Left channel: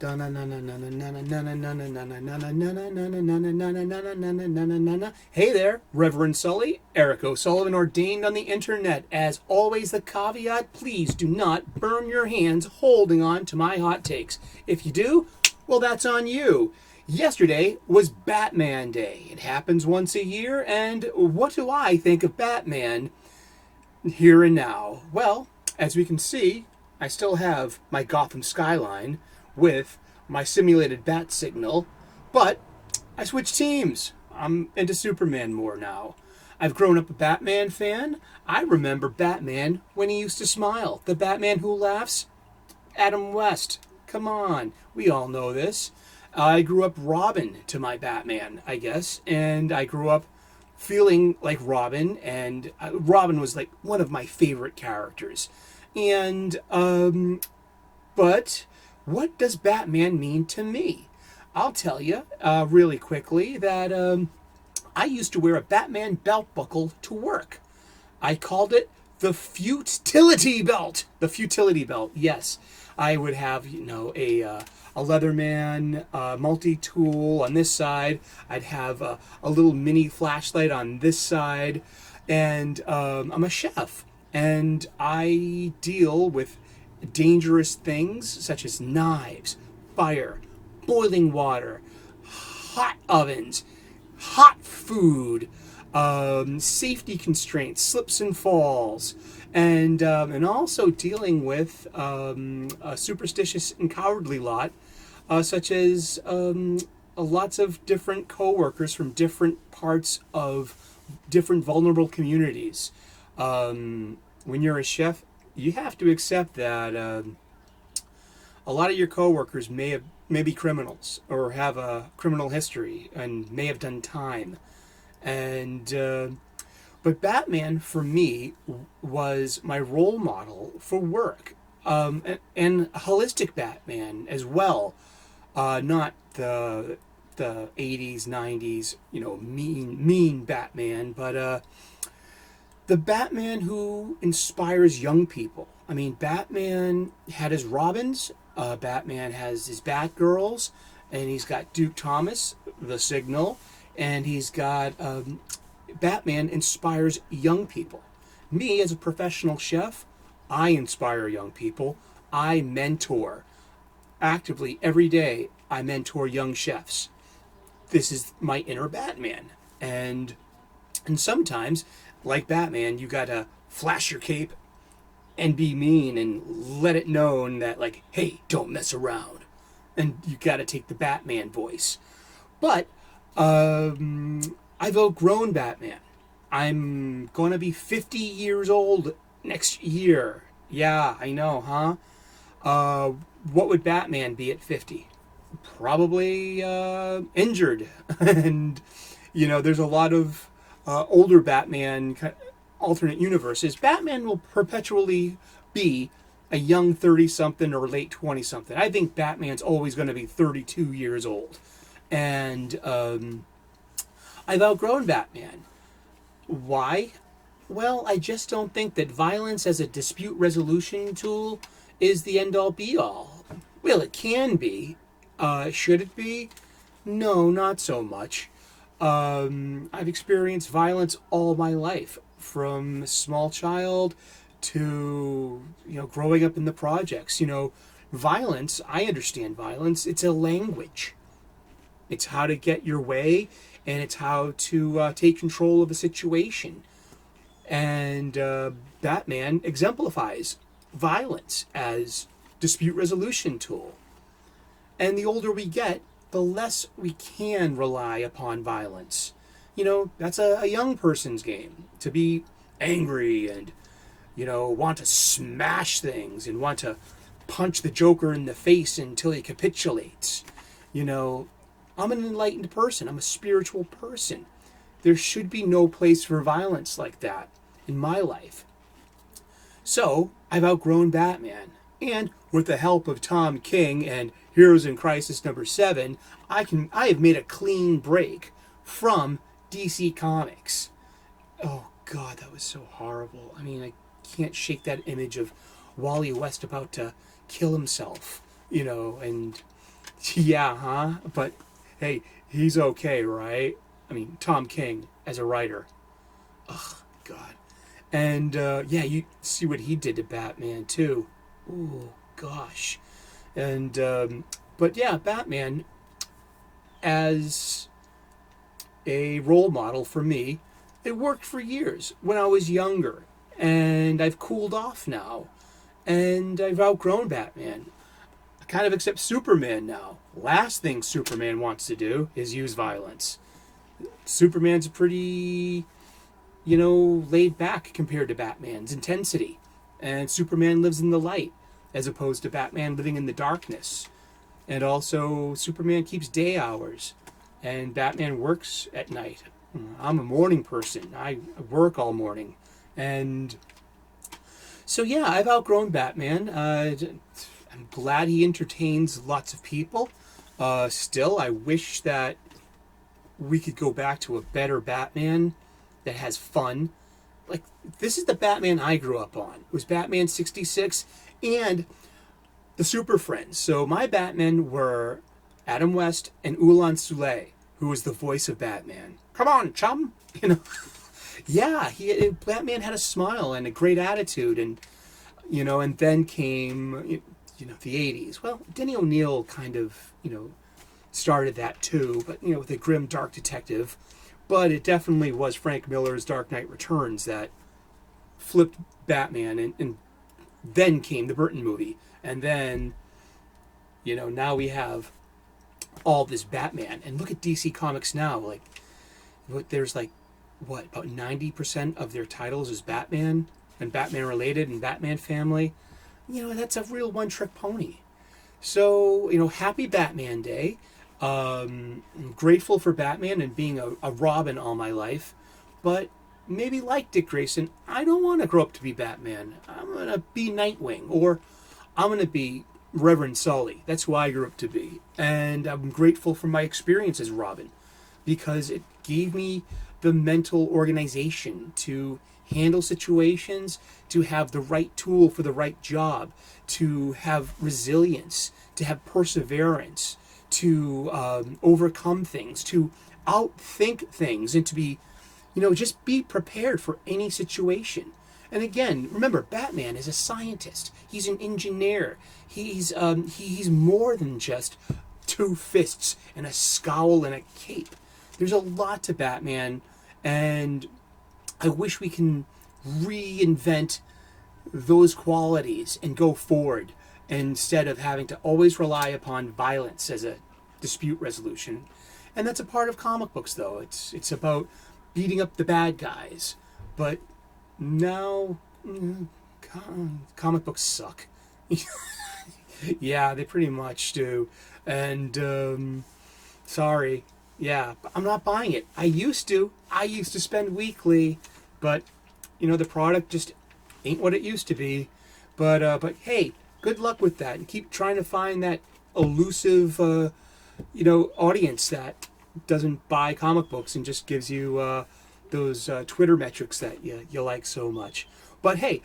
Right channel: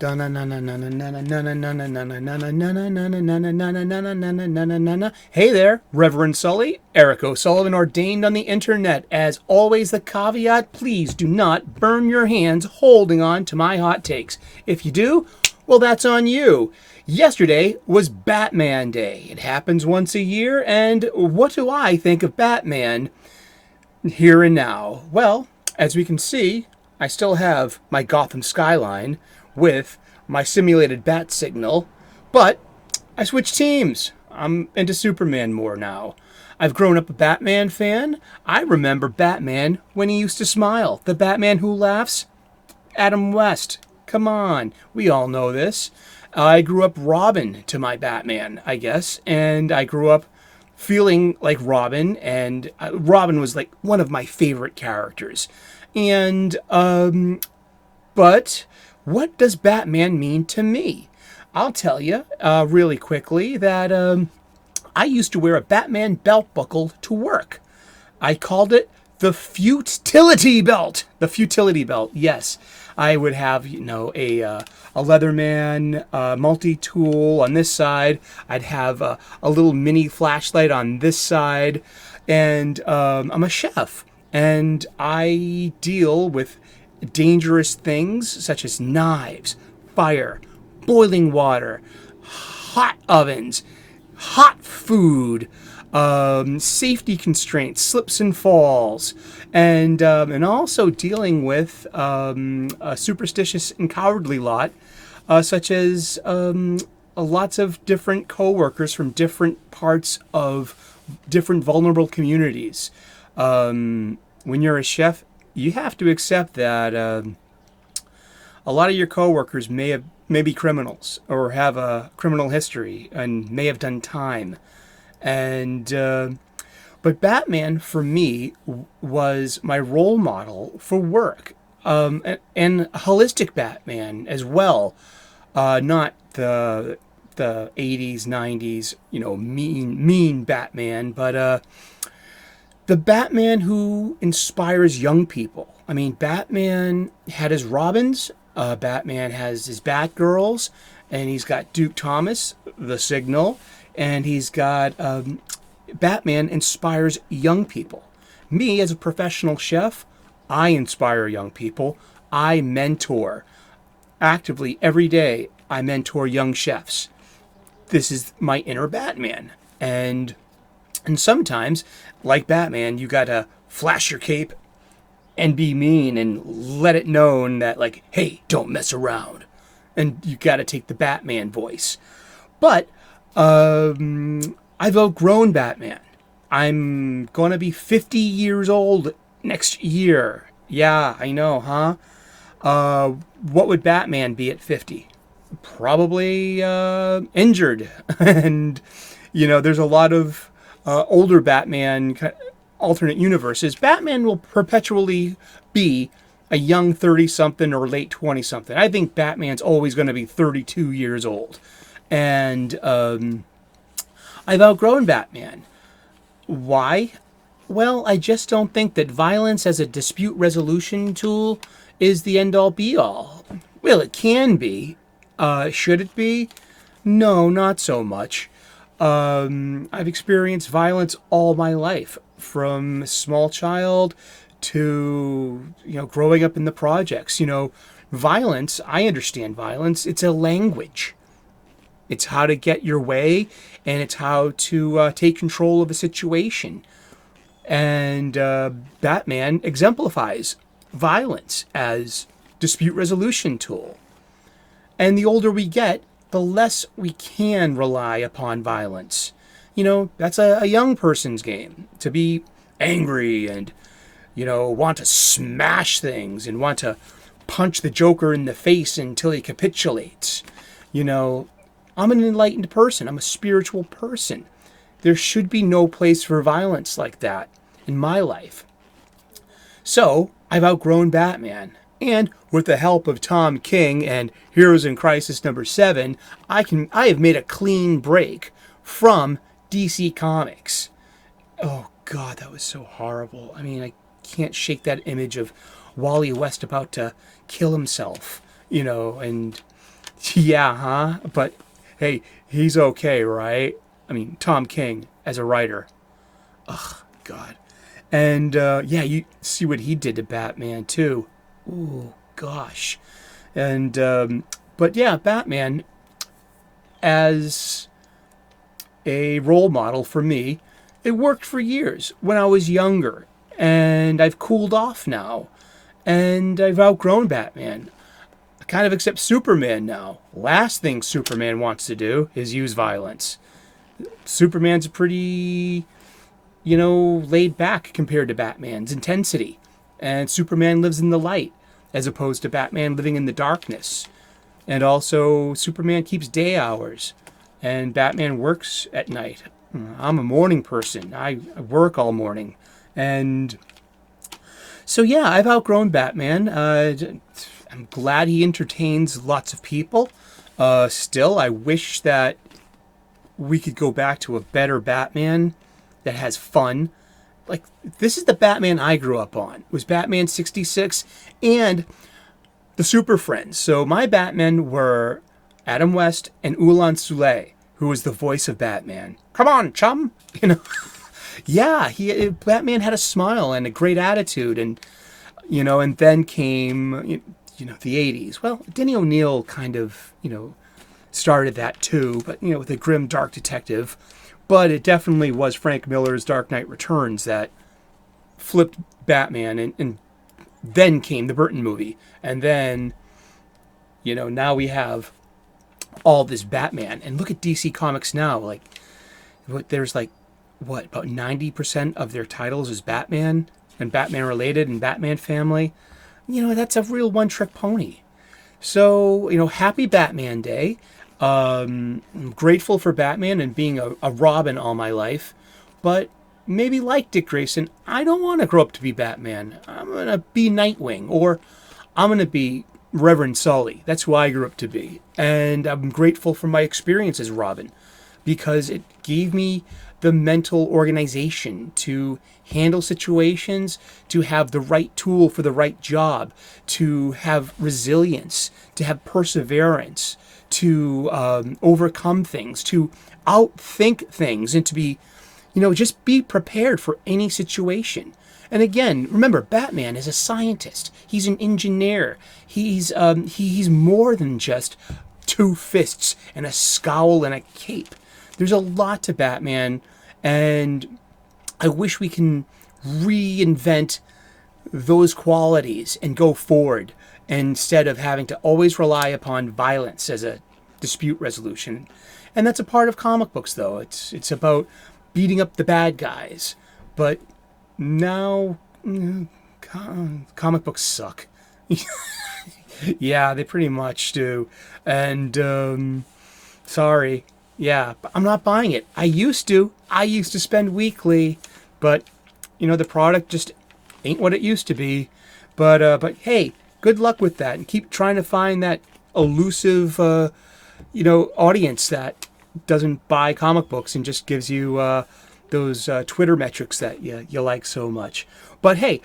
Hey there, Reverend Sully, Eric O'Sullivan ordained on the internet. As always, the caveat, please do not burn your hands holding on to my hot takes. If you do, well, that's on you. Yesterday was Batman Day. It happens once a year, and what do I think of Batman here and now? Well, as we can see, I still have my Gotham skyline with my simulated bat signal, but I switched teams. I'm into Superman more now. I've grown up a Batman fan. I remember Batman when he used to smile. The Batman who laughs? Adam West. Come on, we all know this. I grew up Robin to my Batman, I guess, and I grew up feeling like Robin, and Robin was like one of my favorite characters. And but what does Batman mean to me? I'll tell you really quickly that I used to wear a Batman belt buckle to work. I called it the futility belt. The futility belt, yes. I would have, a Leatherman multi-tool on this side. I'd have a little mini flashlight on this side. And I'm a chef. And I deal with dangerous things such as knives, fire, boiling water, hot ovens, hot food, safety constraints, slips and falls, and also dealing with a superstitious and cowardly lot, such as lots of different coworkers from different parts of different vulnerable communities. When you're a chef, you have to accept that a lot of your coworkers may be criminals or have a criminal history and may have done time, and but Batman for me was my role model for work, and holistic Batman as well, not the 80s 90s mean Batman, but the Batman who inspires young people. I mean, Batman had his Robins, Batman has his Batgirls, and he's got Duke Thomas, the Signal, and he's got Batman inspires young people. Me, as a professional chef, I inspire young people. I mentor actively every day. I mentor young chefs. This is my inner Batman, and sometimes, like Batman, you gotta flash your cape and be mean and let it known that, like, hey, don't mess around. And you gotta take the Batman voice. But I've outgrown Batman. I'm gonna be 50 years old next year. Yeah, I know, huh? What would Batman be at 50? Probably injured. And, there's a lot of older Batman alternate universes. Batman will perpetually be a young 30-something or late 20-something. I think Batman's always going to be 32 years old. And I've outgrown Batman. Why? Well, I just don't think that violence as a dispute resolution tool is the end-all be-all. Well, it can be. Should it be? No, not so much. I've experienced violence all my life, from small child to growing up in the projects. Violence. I understand violence. It's a language. It's how to get your way, and it's how to take control of a situation. And Batman exemplifies violence as dispute resolution tool. And the older we get, the less we can rely upon violence. That's a young person's game, to be angry and, want to smash things and want to punch the Joker in the face until he capitulates. I'm an enlightened person. I'm a spiritual person. There should be no place for violence like that in my life. So, I've outgrown Batman. And with the help of Tom King and Heroes in Crisis #7, I have made a clean break from DC Comics. Oh God, that was so horrible. I mean, I can't shake that image of Wally West about to kill himself, and Yeah, huh? But hey, he's okay, right? I mean, Tom King as a writer. Ugh, God. And yeah, you see what he did to Batman too. Ooh, gosh. And but yeah, Batman as a role model for me, it worked for years when I was younger, and I've cooled off now, and I've outgrown Batman. I kind of accept Superman now. Last thing Superman wants to do is use violence. Superman's pretty, laid back compared to Batman's intensity. And Superman lives in the light as opposed to Batman living in the darkness. And also, Superman keeps day hours and Batman works at night. I'm a morning person. I work all morning. And so, yeah, I've outgrown Batman. I'm glad he entertains lots of people. Still, I wish that we could go back to a better Batman that has fun. Like, this is the Batman I grew up on. It was Batman 66 and the Super Friends. So my Batmen were Adam West and Ulan Sule, who was the voice of Batman. Come on, chum! Yeah, Batman had a smile and a great attitude, and and then came the 80s. Well, Denny O'Neil kind of started that too, but with a grim dark detective. But it definitely was Frank Miller's Dark Knight Returns that flipped Batman, and then came the Burton movie, and then now we have all this Batman. And look at DC Comics now. Like, there's like about 90% of their titles is Batman and Batman related and Batman family. That's a real one-trick pony. So, happy Batman Day. I'm grateful for Batman and being a Robin all my life. But maybe like Dick Grayson, I don't want to grow up to be Batman. I'm going to be Nightwing, or I'm going to be Reverend Sully. That's who I grew up to be. And I'm grateful for my experience as Robin, because it gave me the mental organization to handle situations, to have the right tool for the right job, to have resilience, to have perseverance, to overcome things, to outthink things, and to be, just be prepared for any situation. And again, remember, Batman is a scientist. He's an engineer. He's more than just two fists and a scowl and a cape. There's a lot to Batman, and I wish we can reinvent those qualities and go forward instead of having to always rely upon violence as a dispute resolution. And that's a part of comic books, though. It's about beating up the bad guys. But now, comic books suck. Yeah, they pretty much do. And, sorry. Yeah, but I'm not buying it. I used to spend weekly, but, the product just ain't what it used to be. But hey, good luck with that, and keep trying to find that elusive, audience that doesn't buy comic books and just gives you those Twitter metrics that you like so much. But hey,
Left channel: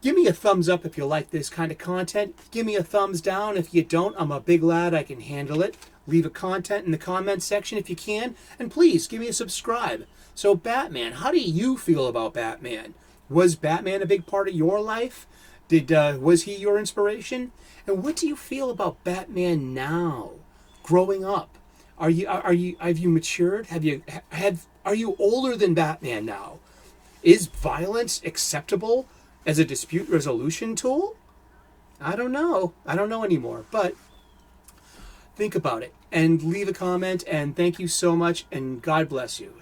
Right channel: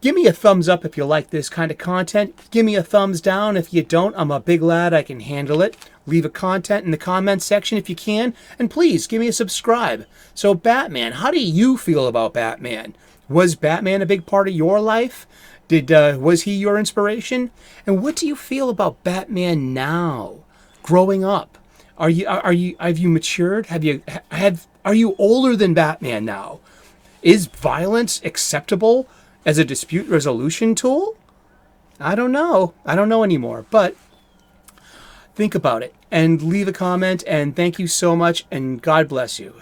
give me a thumbs up if you like this kind of content. Give me a thumbs down if you don't. I'm a big lad. I can handle it. Leave a comment in the comments section if you can. And please, give me a subscribe. So Batman, how do you feel about Batman? Was Batman a big part of your life? Was he your inspiration? And what do you feel about Batman now, growing up? Have you matured? Are you older than Batman now? Is violence acceptable as a dispute resolution tool? I don't know. I don't know anymore. But think about it and leave a comment. And thank you so much. And God bless you.